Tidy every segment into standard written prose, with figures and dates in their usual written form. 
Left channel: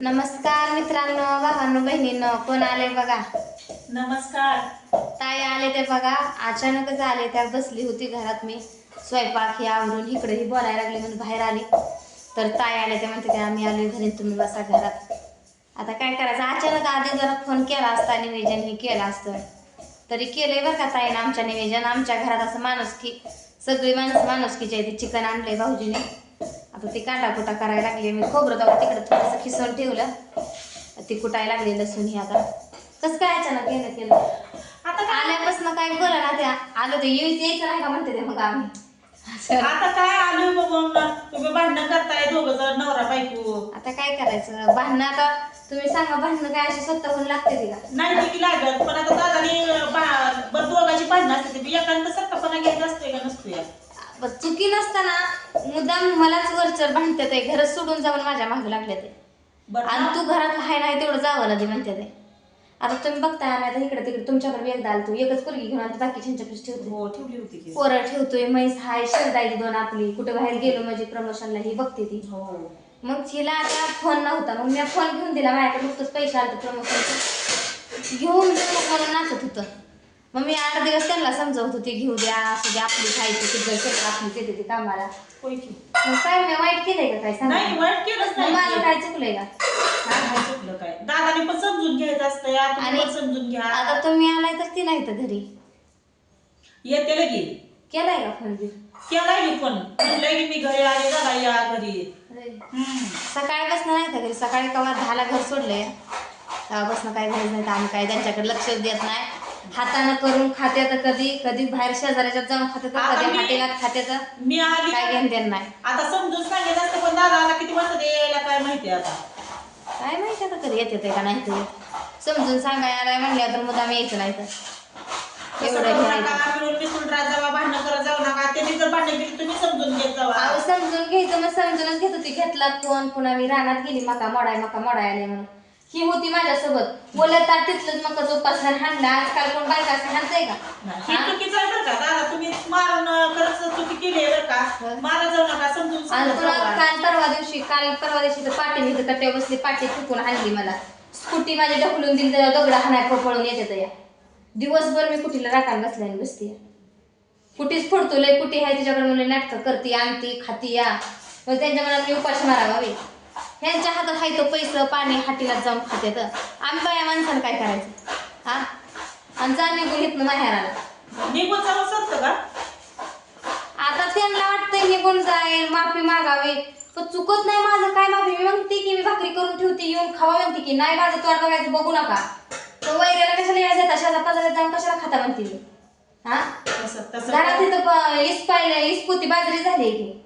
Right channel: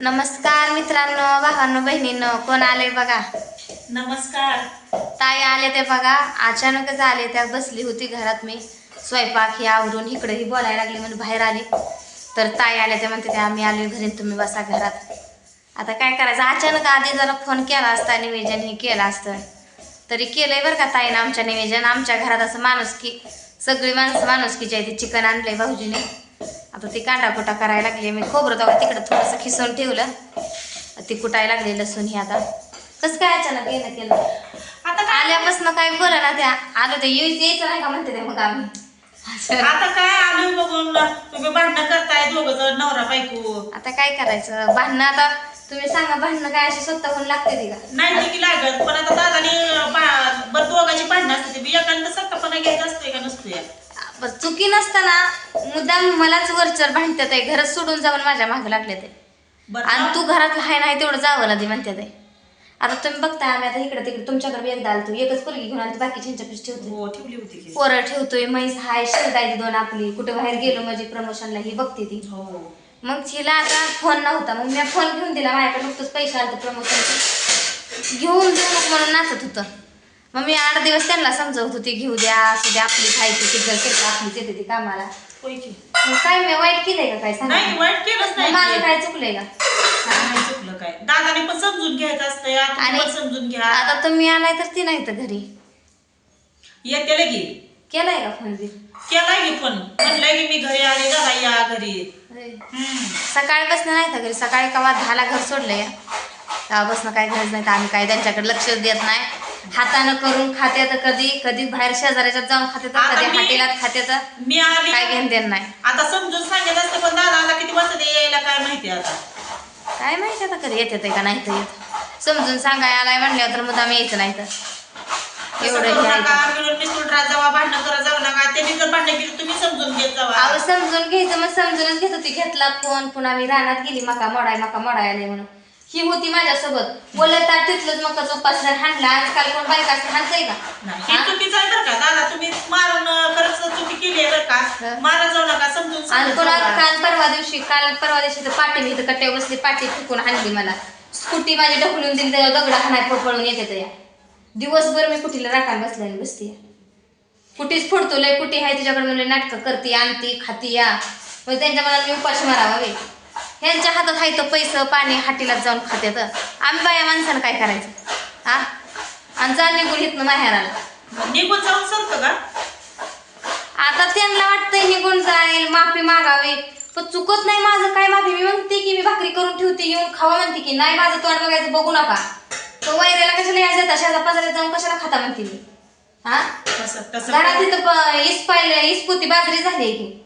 नमस्कार मित्रांनो, भावांनो, बहिणींनो, कोण आले बघा. नमस्कार. ताई आले ते बघा, अचानकच आले. त्या बसली होती घरात, मी स्वयंपाक हे आवरून इकडेही बोलायला लागले म्हणून बाहेर आले. तर ताई आले ते म्हणते ते आम्ही आलो घरी, तुम्ही बसा घरात. आता काय करायचं, अचानक आधी जरा फोन केला असता, निवेदन हे केलं असतं तरी केलंय बरं का ताईनं आमच्या निवेदन. आमच्या घरात असं माणुसकी, सगळी माणसं माणुसकीची आहे. ते चिकन आणलंय भाऊजीने, आता ती कांडाकुटा करायला लागली. मी खोबरं तेव्हा तिकडं थोडंसं खिसून ठेवलं, ती कुटायला लागली लसूण. ही आता कसं काय अचानक येणं केलं, आता आल्यापासून काय बोला ना. त्या आलं ते यायचं नाही का म्हणते ते, मग आम्ही आता काय आलोय बघून तुम्ही भांडणं करताय दोघं जण, नवरा बायको. आता काय करायचं, भांडणं आता तुम्ही सांगा, भांडणं काय अशी स्वतःहून लागते ती का? नाही की लागत, पण आता दादाने दोघांची भांडणं असते, एकांत सत्तापणा घ्यायचा असतोय का नसतोय. चुकी नसताना मुद्दाम मलाच वरचर भांडतात आहे. घरात सोडून जाऊन माझ्या मागं लागले ते, आणि तू घरात हाय नाही तेवढं जावं ना ते म्हणते ते. आता तुम्ही बघताय, आम्ही आता इकडे तिकडे तुमच्याकडे एकदा आलो, एकच पोरगी घेऊन आलो, बाकीच्या ठेवतो. हो, ठेवली होती पोरं ठेवतोय, म्हैस हाय, शेळदाई दोन आपली, कुठे बाहेर गेलो म्हणजे प्रमोशनला ही बघते ती. हो. मग हिला आता फोन नव्हता, मग मी फोन घेऊन दिला. माझ्याकडे नुकतंच पैसे आले प्रमोशनचे, घेऊन जाऊ म्हणून नाचत होतं. मग मी 8 दिवस त्यांना समजवत होती, घेऊ द्या, असू द्या, आपली खायची किती क्षेत्र आपलीच येते ती कामाला. मग काय मी वाईट केलंय का? काय सांग, नाही वाईट केलंच नाही. माझं काय चुकलंय का? नाही चुकलं काय, दादाने पण समजून घ्यायचं असतं, आणि समजून घ्या. आता तुम्ही आलाय तर ती नाही तर घरी येते लगी. केलाय का फोन बी? केलाय की फोन, म्हणलंय की मी घरी आले, दादा या घरी. सकाळपासून नाही तर घरी, सकाळी कवा 10ला घर सोडलं या, तेव्हापासून काय गरज नाही. तर आम्ही काय त्यांच्याकडे लक्ष देत नाही. हातानं करून खाते तर कधी कधी बाहेर शेजाऱ्याच्यात जाऊन खाते तर कधी हॉटेलात खाते तर मी आली काय घेऊन देत नाही. आता समजून सांगितलं असतं, पण दादा आता किती वाजता यायला काय माहिती. आता काय माहिती आता कधी येते का नाही तर येत. समजून सांगाय आलाय म्हणल्यावर तर मुद्दाम यायचं नाही तर एवढं हे मिळून मिसळून राहत जावा, भांडणं करत जाऊ नका. त्यांनी जर भांडणं केली तुम्ही समजून घेत जावा. अहो समजून घ्यायचं, मग समजूनच घेत होती. घेतला फोन, पुन्हा मी रानात गेली, मका मोडाय आले म्हणून ही होती माझ्यासोबत बोलत. तिथलंच मकाचं उपासना हाणला. आजकाल कोण बायका असं हाणतंय का? ही चुकीचं आहे बरं का दादा, तुम्ही मारून खरंच चुकी केली आहे बरं का. मारा जाऊ नका, समजून. आणि पुन्हा काल परवा दिवशी तर पाठी, मी इथं कट्ट्यावर बसली, पाठी फुकून हाणली मला. स्कूटी माझी ढकलून दिली, त्याला दगड हाणाय पळून येते तर या दिवसभर मी कुठीला राखान बसल्याने बसते. कुठीच फोडतो, लय कुठी आहे तुझ्याकडे म्हणून नाटकं करते, आणती खाती या. मग त्यांच्या मनात मी उपाशी मारावा वे. ह्यांच्या हातात आहे तो पैसे पाणी, हाटीलाच जाऊन खाते. तर आम्ही बाया माणसानं काय करायचं हा? आणि जा निघून इथनं माहेराला. निघून जाऊन सरतं का? आता त्यांना वाटतंय निघून जाईल, माफी मागावी, पण चुकत नाही माझं काय माफी. मी म्हणते की मी भाकरी करून ठेवते, येऊन खावा म्हणते की नाही, माझं तोंड बघायचं बघू नका. तो वैऱ्याला कशाला यायचं, तशाचा पाजाला जाऊन कशाला खाता म्हणते मी. हा घरात तिथं इसपोती बाजरी झाली की,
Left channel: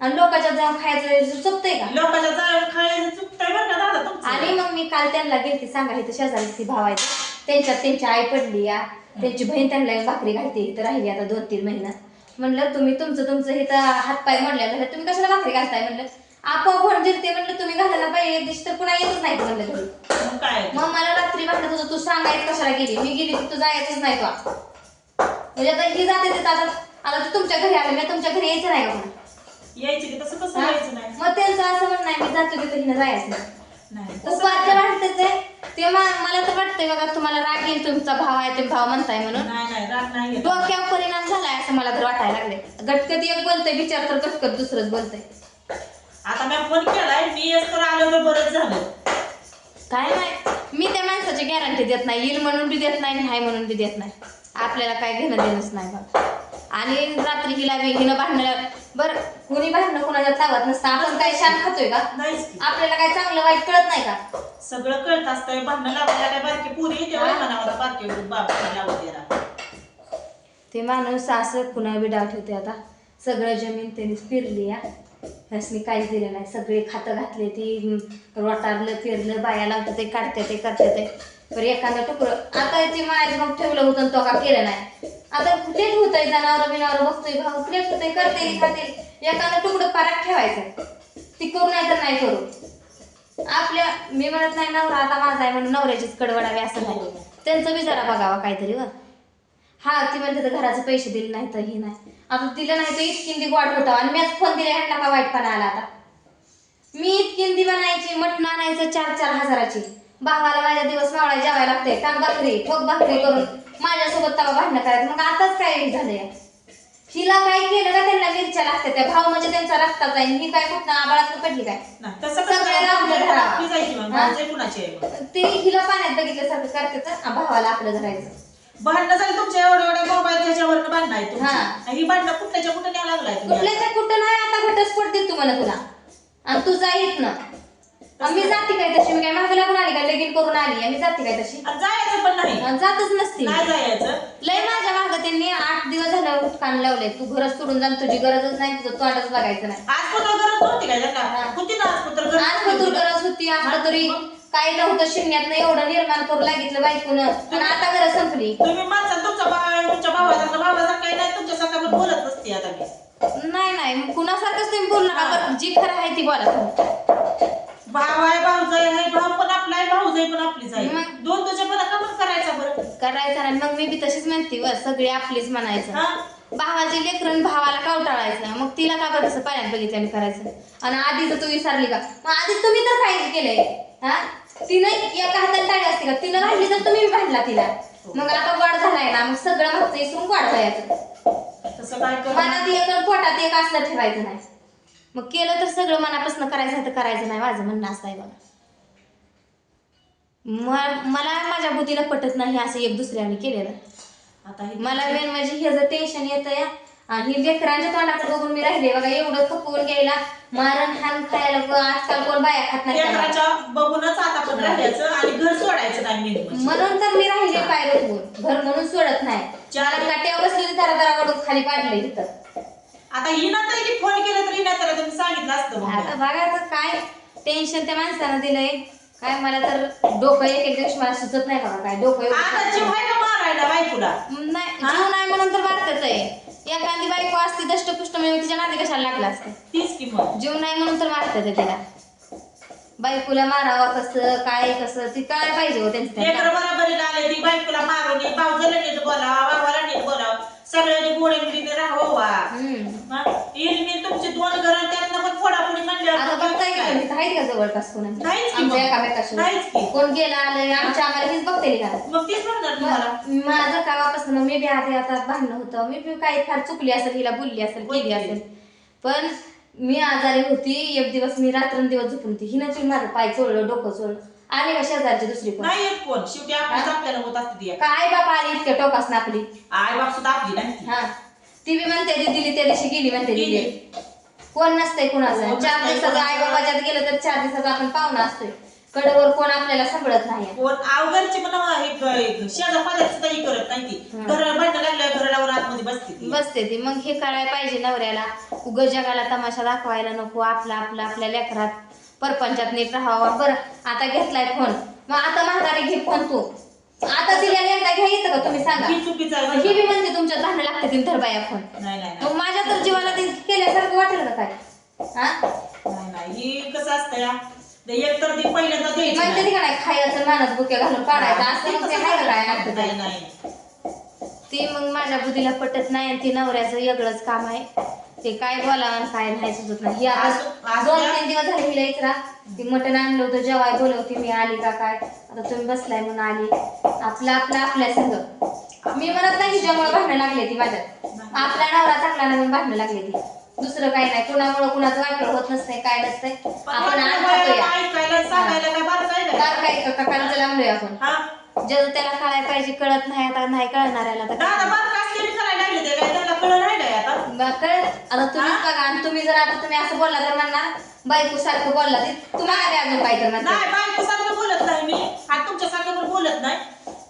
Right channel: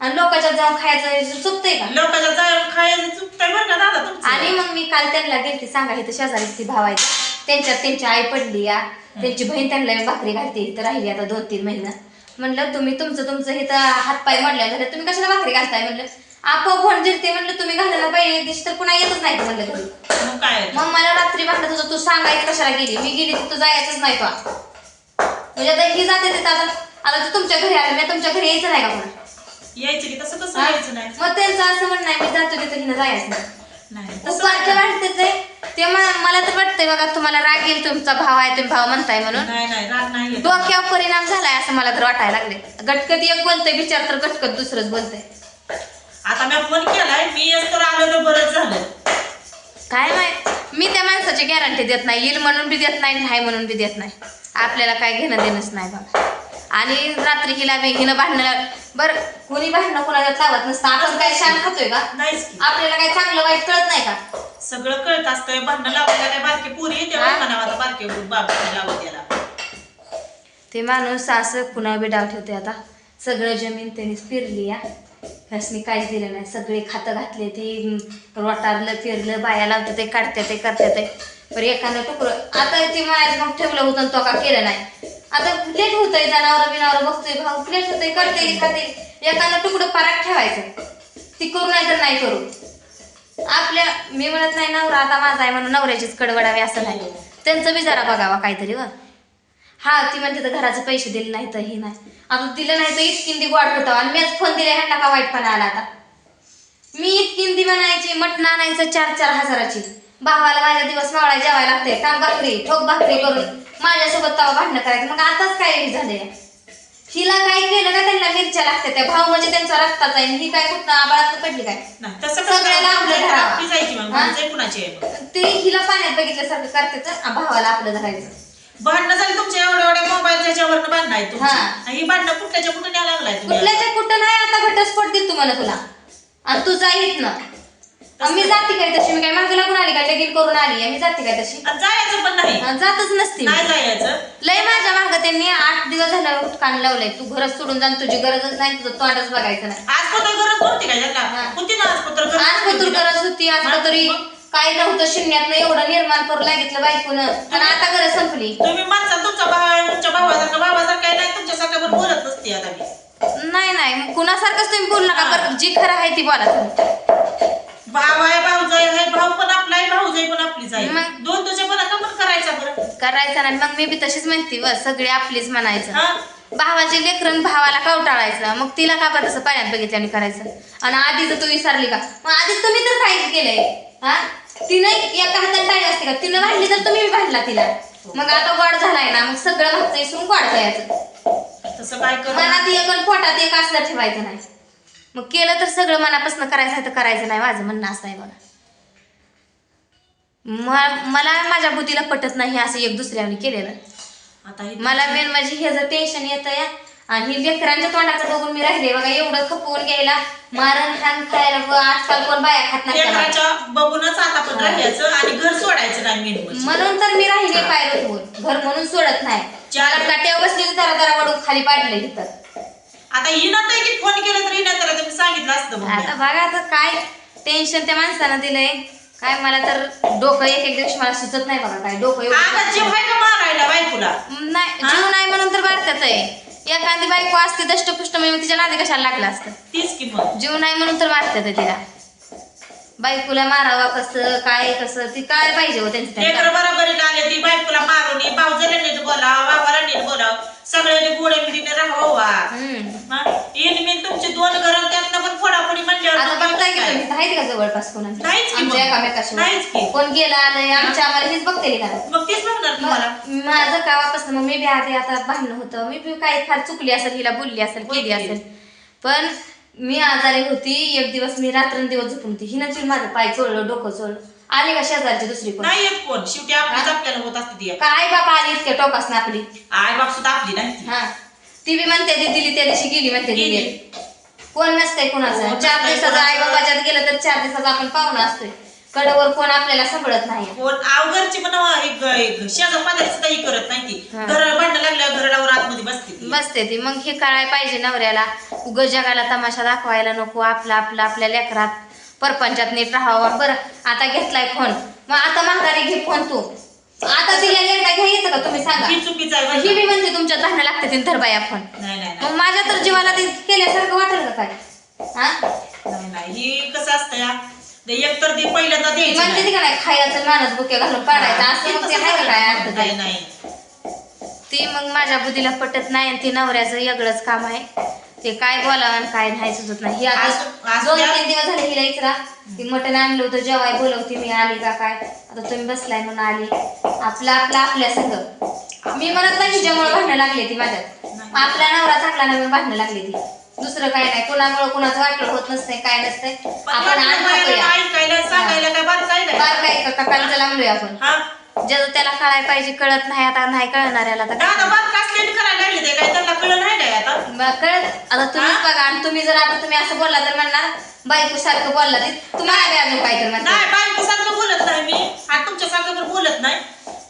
आणि लोकांच्या जाऊन खायचं चुकतंय का? लोकांच्या जाऊन खायचं चुकतंय बरं का दादा तुमचं. आणि मग मी काल त्यांना गेलती सांगा, इथं शेजारी ती भावायचं, त्यांची आई पडली या, त्यांची बहीण त्यांना भाकरी घालते, इथं राहिली आता 2-3 महिना. म्हणलं तुम्ही तुमचं इथं हातपाय मोडल्या झालं, तुम्ही कशाला भाकरी घालताय म्हणलं. आपोआप फोन जिरते म्हणलं, तुम्ही घालायला पाहिजे दिवशी तर पुन्हा येतच नाही म्हणलं घरी. काय मग मला रात्री भांडत होतं, तू सांगायचं कशाला गेली, मी गेली तिथं जायचंच नाही का. म्हणजे आता ही जाते तिथं, आता तू तुमच्या घरी आलं, मी तुमच्या घरी यायचं नाही का पुन्हा? यायचं की तसं कसं यायचं नाही. मग त्यांचं असं म्हणणं आहे, मी जातो तिथं हिनं जायचं नाही. उपारच्या वाटतंय ते. मला तर वाटतंय बघा, तुम्हाला राग येईल, तुमचा भाव आहे, तुम्ही भाव म्हणताय म्हणून. नाही डोक्यावर परिणाम झालाय असं मला तर वाटायला लागले. गटकत एक बोलतोय बिचार, तर गटकत दुसरंच बोलतंय. आता मी फोन केलाय, मी तर आलो तर बरंच झालं. काय माहित, मी त्या माणसाची गॅरंटी देत नाही, येईल म्हणून बी देत नाही, नाही म्हणून बी देत नाही. आपल्याला काय घेणं देणंच नाही बघा. आणि रात्री हिनं भांडणं, बरं कोणी भांडणं कोणाच्या लावत नसतं. आपण काय शान खातोय का? आपल्याला काय चांगलं वाईट कळत नाही का? सगळं कळत असतंय. भांडणं लावायला काय बारके पुरी बारके बाबा लावत याला. ते माणूस असं कुणा बी डाव ठेवते. आता सगळं जमीन त्यांनीच फिरली या, ह्यासनी काहीच दिलं नाही. सगळे खातं घातले, ते रोटारलं फिरलं, बाया लावते ते काढते ते करते ते. बरं एखादं टुकरं आता ते म्हणायचं मग ठेवलं होतं तो का केलं नाही. आता प्लेट होतंय, जनावर बिनावर बघतोय भाऊ, प्लेट होतंय, करते खाते. एखादं तुकडं पारात ठेवायचं, ती करू नाही तर नाही करू. मी म्हणत नाही नवरा आता माझा आहे म्हणून नवऱ्याचीच कडवडावे असं नाही. त्यांचं बी जरा बघावा काहीतरी. हा ती म्हणते तर घराचे पैसे दिले नाही तर ही नाही. आता दिलं नाही तर इतकी गोड होतं, आणि मीच फोन दिले ह्यांना का वाईटपणा आला. आता मी इतकी बनायची मटण आणायचं 4-4 हजाराची. भावाला माझ्या दिवस मावळा जेवायला लागते, काम भाकरी ठोक भाकरी करून माझ्यासोबत तवा भांडणं करायचं. मग आताच काय झालंय, हिला काय केलं का त्यांना मिरच्या लागते. त्या भाव म्हणजे त्यांचा रक्ताचा आहे, ही काय कुठं आबाळात पडली काय. सगळ्याला आपलं धरावं. ते हिला पाण्यात बघितल्यासारखं करते तर भावाला आपलं धरायचं. भांडणं झाली तुमच्या एवढ्या एवढ्या मोबाईल त्याच्यावर भांडण आहे तुमची. ही भांडणं कुठल्याच्या कुठं न्यायला लागलाय कुठल्याच्या कुठं नाही. आता घटस्फोट देत तुम्हाला तुला आणि तू जाईत ना. मी जाते काय तशी, मी काय मागे लागून आली काय लगीन करून आली मी जाते काय तशी. जायचं पण नाही, जातच नसते नाही जायचं. लय माझ्या मागं त्यांनी 8 दिवस झालं उठकान लावलंय. तू घरच सोडून जा, तुझी गरजच नाही, तुझं तोंडच बघायचं नाही. आज पत्र गरज नव्हती काय त्यांना, होती ना आज पत्र गरज होती. आज तरी काय नव्हतं शून्यात एवढं निर्माण करू लागितलं बायकोनं आणि आता गरज संपली. तुम्ही माणसा तुमच्या भावासारखं काय नाही, तुमच्यासारखं पण बोलत नसते आता मी. नाही कुणासारखंच तुम्ही बोलू नका बरं. जी खरं आहे ती बोला तुम्ही. भाव आहे भाऊजाई आहे, भाऊ पण आपला आहे भाऊजाई पण आपलीच आहे. दोन तुझ्या पण का पण करायचा बरं करायचा नाही. मग मी बी तशीच म्हणते व सगळी आपलीच म्हणायचं. भावाचे लेकरन भावाला कवटाळायचं. मग तिला का बरं तसं पाण्यात बघितल्याने करायचं. आणि आधीच तू विसरली का. मग आधी तुम्ही तर काय केलंय. हा तिनं एका हातात टाळी असते का. तिनं भांडली तर तुम्ही भांडला तिला. मग आता गोड झालाय ना, मग सगळं मागचं इसरून गोड जायचं. तसं काय कर, मनात एक आणि पोटात एक असलं ठेवायचं नाही. मग केलं तर सगळं मनापासून करायचं आहे तर करायचं नाही. माझं म्हणणं असं आहे बघा. मला माझ्या बुद्धीला पटत नाही असं एक दुसऱ्याने केलेलं. आता मला मेन म्हणजे हे जर टेन्शन येतं या आणि लेकरांच्या तोंडाकडे बघून मी राहिले बघा. एवढं खपवून घ्यायला मारण खाण खायला आजकाल कोण बाया खात नाही. बघूनच आता पण राहायचं आणि घर सोडायचं नाही. म्हणून तर मी राहिले पायरत होऊन घर म्हणून सोडत नाही. काट्यावर बसली जरा जरा वडून खाली पाडलं इथं. आता हिनं तर की फोन केला तर हिनं तर तुम्ही सांगितलं असतं. आता बघा आता काय टेन्शन त्या माणसानं दिलंय काय. मला तर डोकं एक दिवशी मला सुचत नाही बघा. काय डोकं जीव आहे का मारायला बायकोला. नाही जीव नाही म्हणून तर मारतात आहे. एखादी बायको असते दष्टपुष्ट म्हणून तिच्या नादी कशाला लागला असतं. तीच किंमत. जीव नाही म्हणून तर मारतात तिला. बायकोला मारावा कसं काय कसं ती काय पाहिजे हो त्यांचं. बरोबरीला आले ती बायकोला मारून भाऊजाला नीट बोलावं, भावाला नीट बोलावं, सगळ्यांनी गोडे मिडीने राहावा. मी तुमची 2 घर त्यातनं पण फोडाफोडी म्हणल्यावर आता बघताय की तुम्ही आहेत का जवळपास कोणाची आमच्या एकामेकाशी कोण गेला आलंय आमच्या आम्हाला हेच बघते का. मग तेच बघणार तुम्हाला. माझं गावापासून मग मी बी आधी आता भांडणं होतं. मी बी काही फार चुकली असेल, हिला बोलली असेल, केली असेल. पण मी आजारी होती. एक दिवस मी रात्रंदिवस झोपून होती. हिनं माझं पाय चोळलं, डोकं चोळलं. आली का शेजारची दुसरी कोण नाही येत कोण. शेवटी आपलीच आपल्याला होत असते ती. काय बाप आली इतक्या टोकास ना आपली. आई बाप सुद्धा आपली नाही. हा ती बी म्हणते ती दिली त्या दिवशी गेली म्हणते दिली. कोण नसतंय कुणाचं. 4 दिवसाचं आई बाबाच्यात गेलं तर 4 दिवसाचा आपण पाहुणा असतोय. कडेवर कोण आपल्याला सांभाळत नाही. कोण अवघरची पण शेजार पाण्यात सुद्धा ही करत नाही ती. घर भांडण लागल्या घरावर आतमध्ये बसते ती. मग हे कळायला पाहिजे नवऱ्याला. उग जगाला तमाशा दाखवायला नको. आपल्या लेकरात परपंचात नीट राहावा. बरं आता घेतलाय फोन, मग आता म्हातारी घे फोन तू. आता तिला एकदा घ्या येतं का तुम्ही सांगा. चुकीचं आहे. ही बी म्हणते तुमच्या धान्य लागते तीन धरबाया फोन. मग माझ्या तर जीवाला ते केल्यासारखं वाटेल का काय. हा नाही ही कसं असतं या एक तर ती पहिल्यांदा द्यायची म्हणते ती का नाही खायचं माणूस बुक्या घालून पाडायचं असं. मग ते आहे का काय अर्थ. नाही ती मग माझ्या बुद्धीला पटत नाही. आणि ती नवऱ्याचं वेगळंच काम आहे. ते काय बोलावं काय नाही सुचत नाही. ही आता 2-3 दिवस झाले हिला इचरा. ती मटण आणलं होतं जेवाय बोलवते मी आली का काय. आता तुम्ही बसलाय म्हणून आली. आपल्या संग मी म्हणत नाही हिच्यामुळे भांडणं लागले ती माझ्यात. आपला नवरा चांगला ना म्हणून भांडणं लागले ती. दुसरं काही नाही. कुणामुळे कुणाचं वाटलं होत नसतंय काय नसतंय. आपण बारकाय का काकांचं लागलोय आपण. ज्याचं त्याला कळायला पाहिजे कळत नाही. आता नाही कळणाऱ्याला तर कळत. आता तुम्हीच बघा. आणि तुम्ही जर आता तुम्ही असं बोलला तर म्हणणार बायको सारखं बोलला तुम्हाला बी अजून काय तर नाही. बायको सारखं बोलत नाही मी. आणि तुमच्या सारखं तर बोलत नाही.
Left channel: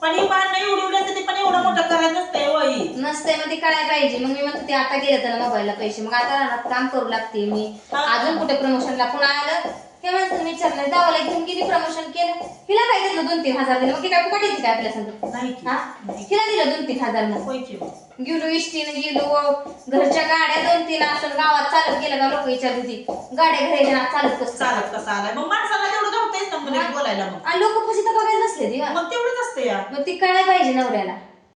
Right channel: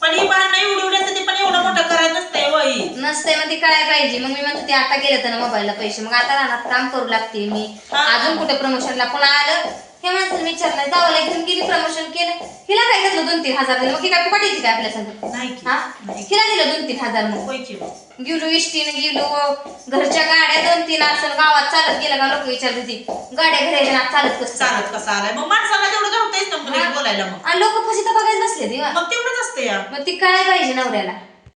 पण ही भांडणं एवढं ते पण एवढं मोठं करायचं नसतंय. वही नसतंय मग ती कळायला पाहिजे. मग मी म्हणतो ते आता गेलं तर मोबाईलला पैसे. मग आता रानात काम करू लागते मी. अजून कुठे प्रमोशनला पुन्हा आलं हे माणसानं विचारलं जावाला घेऊन गेली प्रमोशन केलं. हिला काय घेतलं 2-3 हजार दिलं. मग ती काय फुकाटीची काय आपल्या संग. हा हिला दिलं 2-3 हजार. मग गेलो इष्टीनं गेलो. घरच्या गाड्या 2-3 असं गावात चालत गेलं का लोक विचारते ती गाड्या घरी चालत कसं आलाय. मग माणसाला तेवढं गावतायच ना बोलायला. मग आणि लोक फशी तर बघायला बसले ती. मग तेवढंच असतं या. मग ती कळायला पाहिजे नवऱ्याला.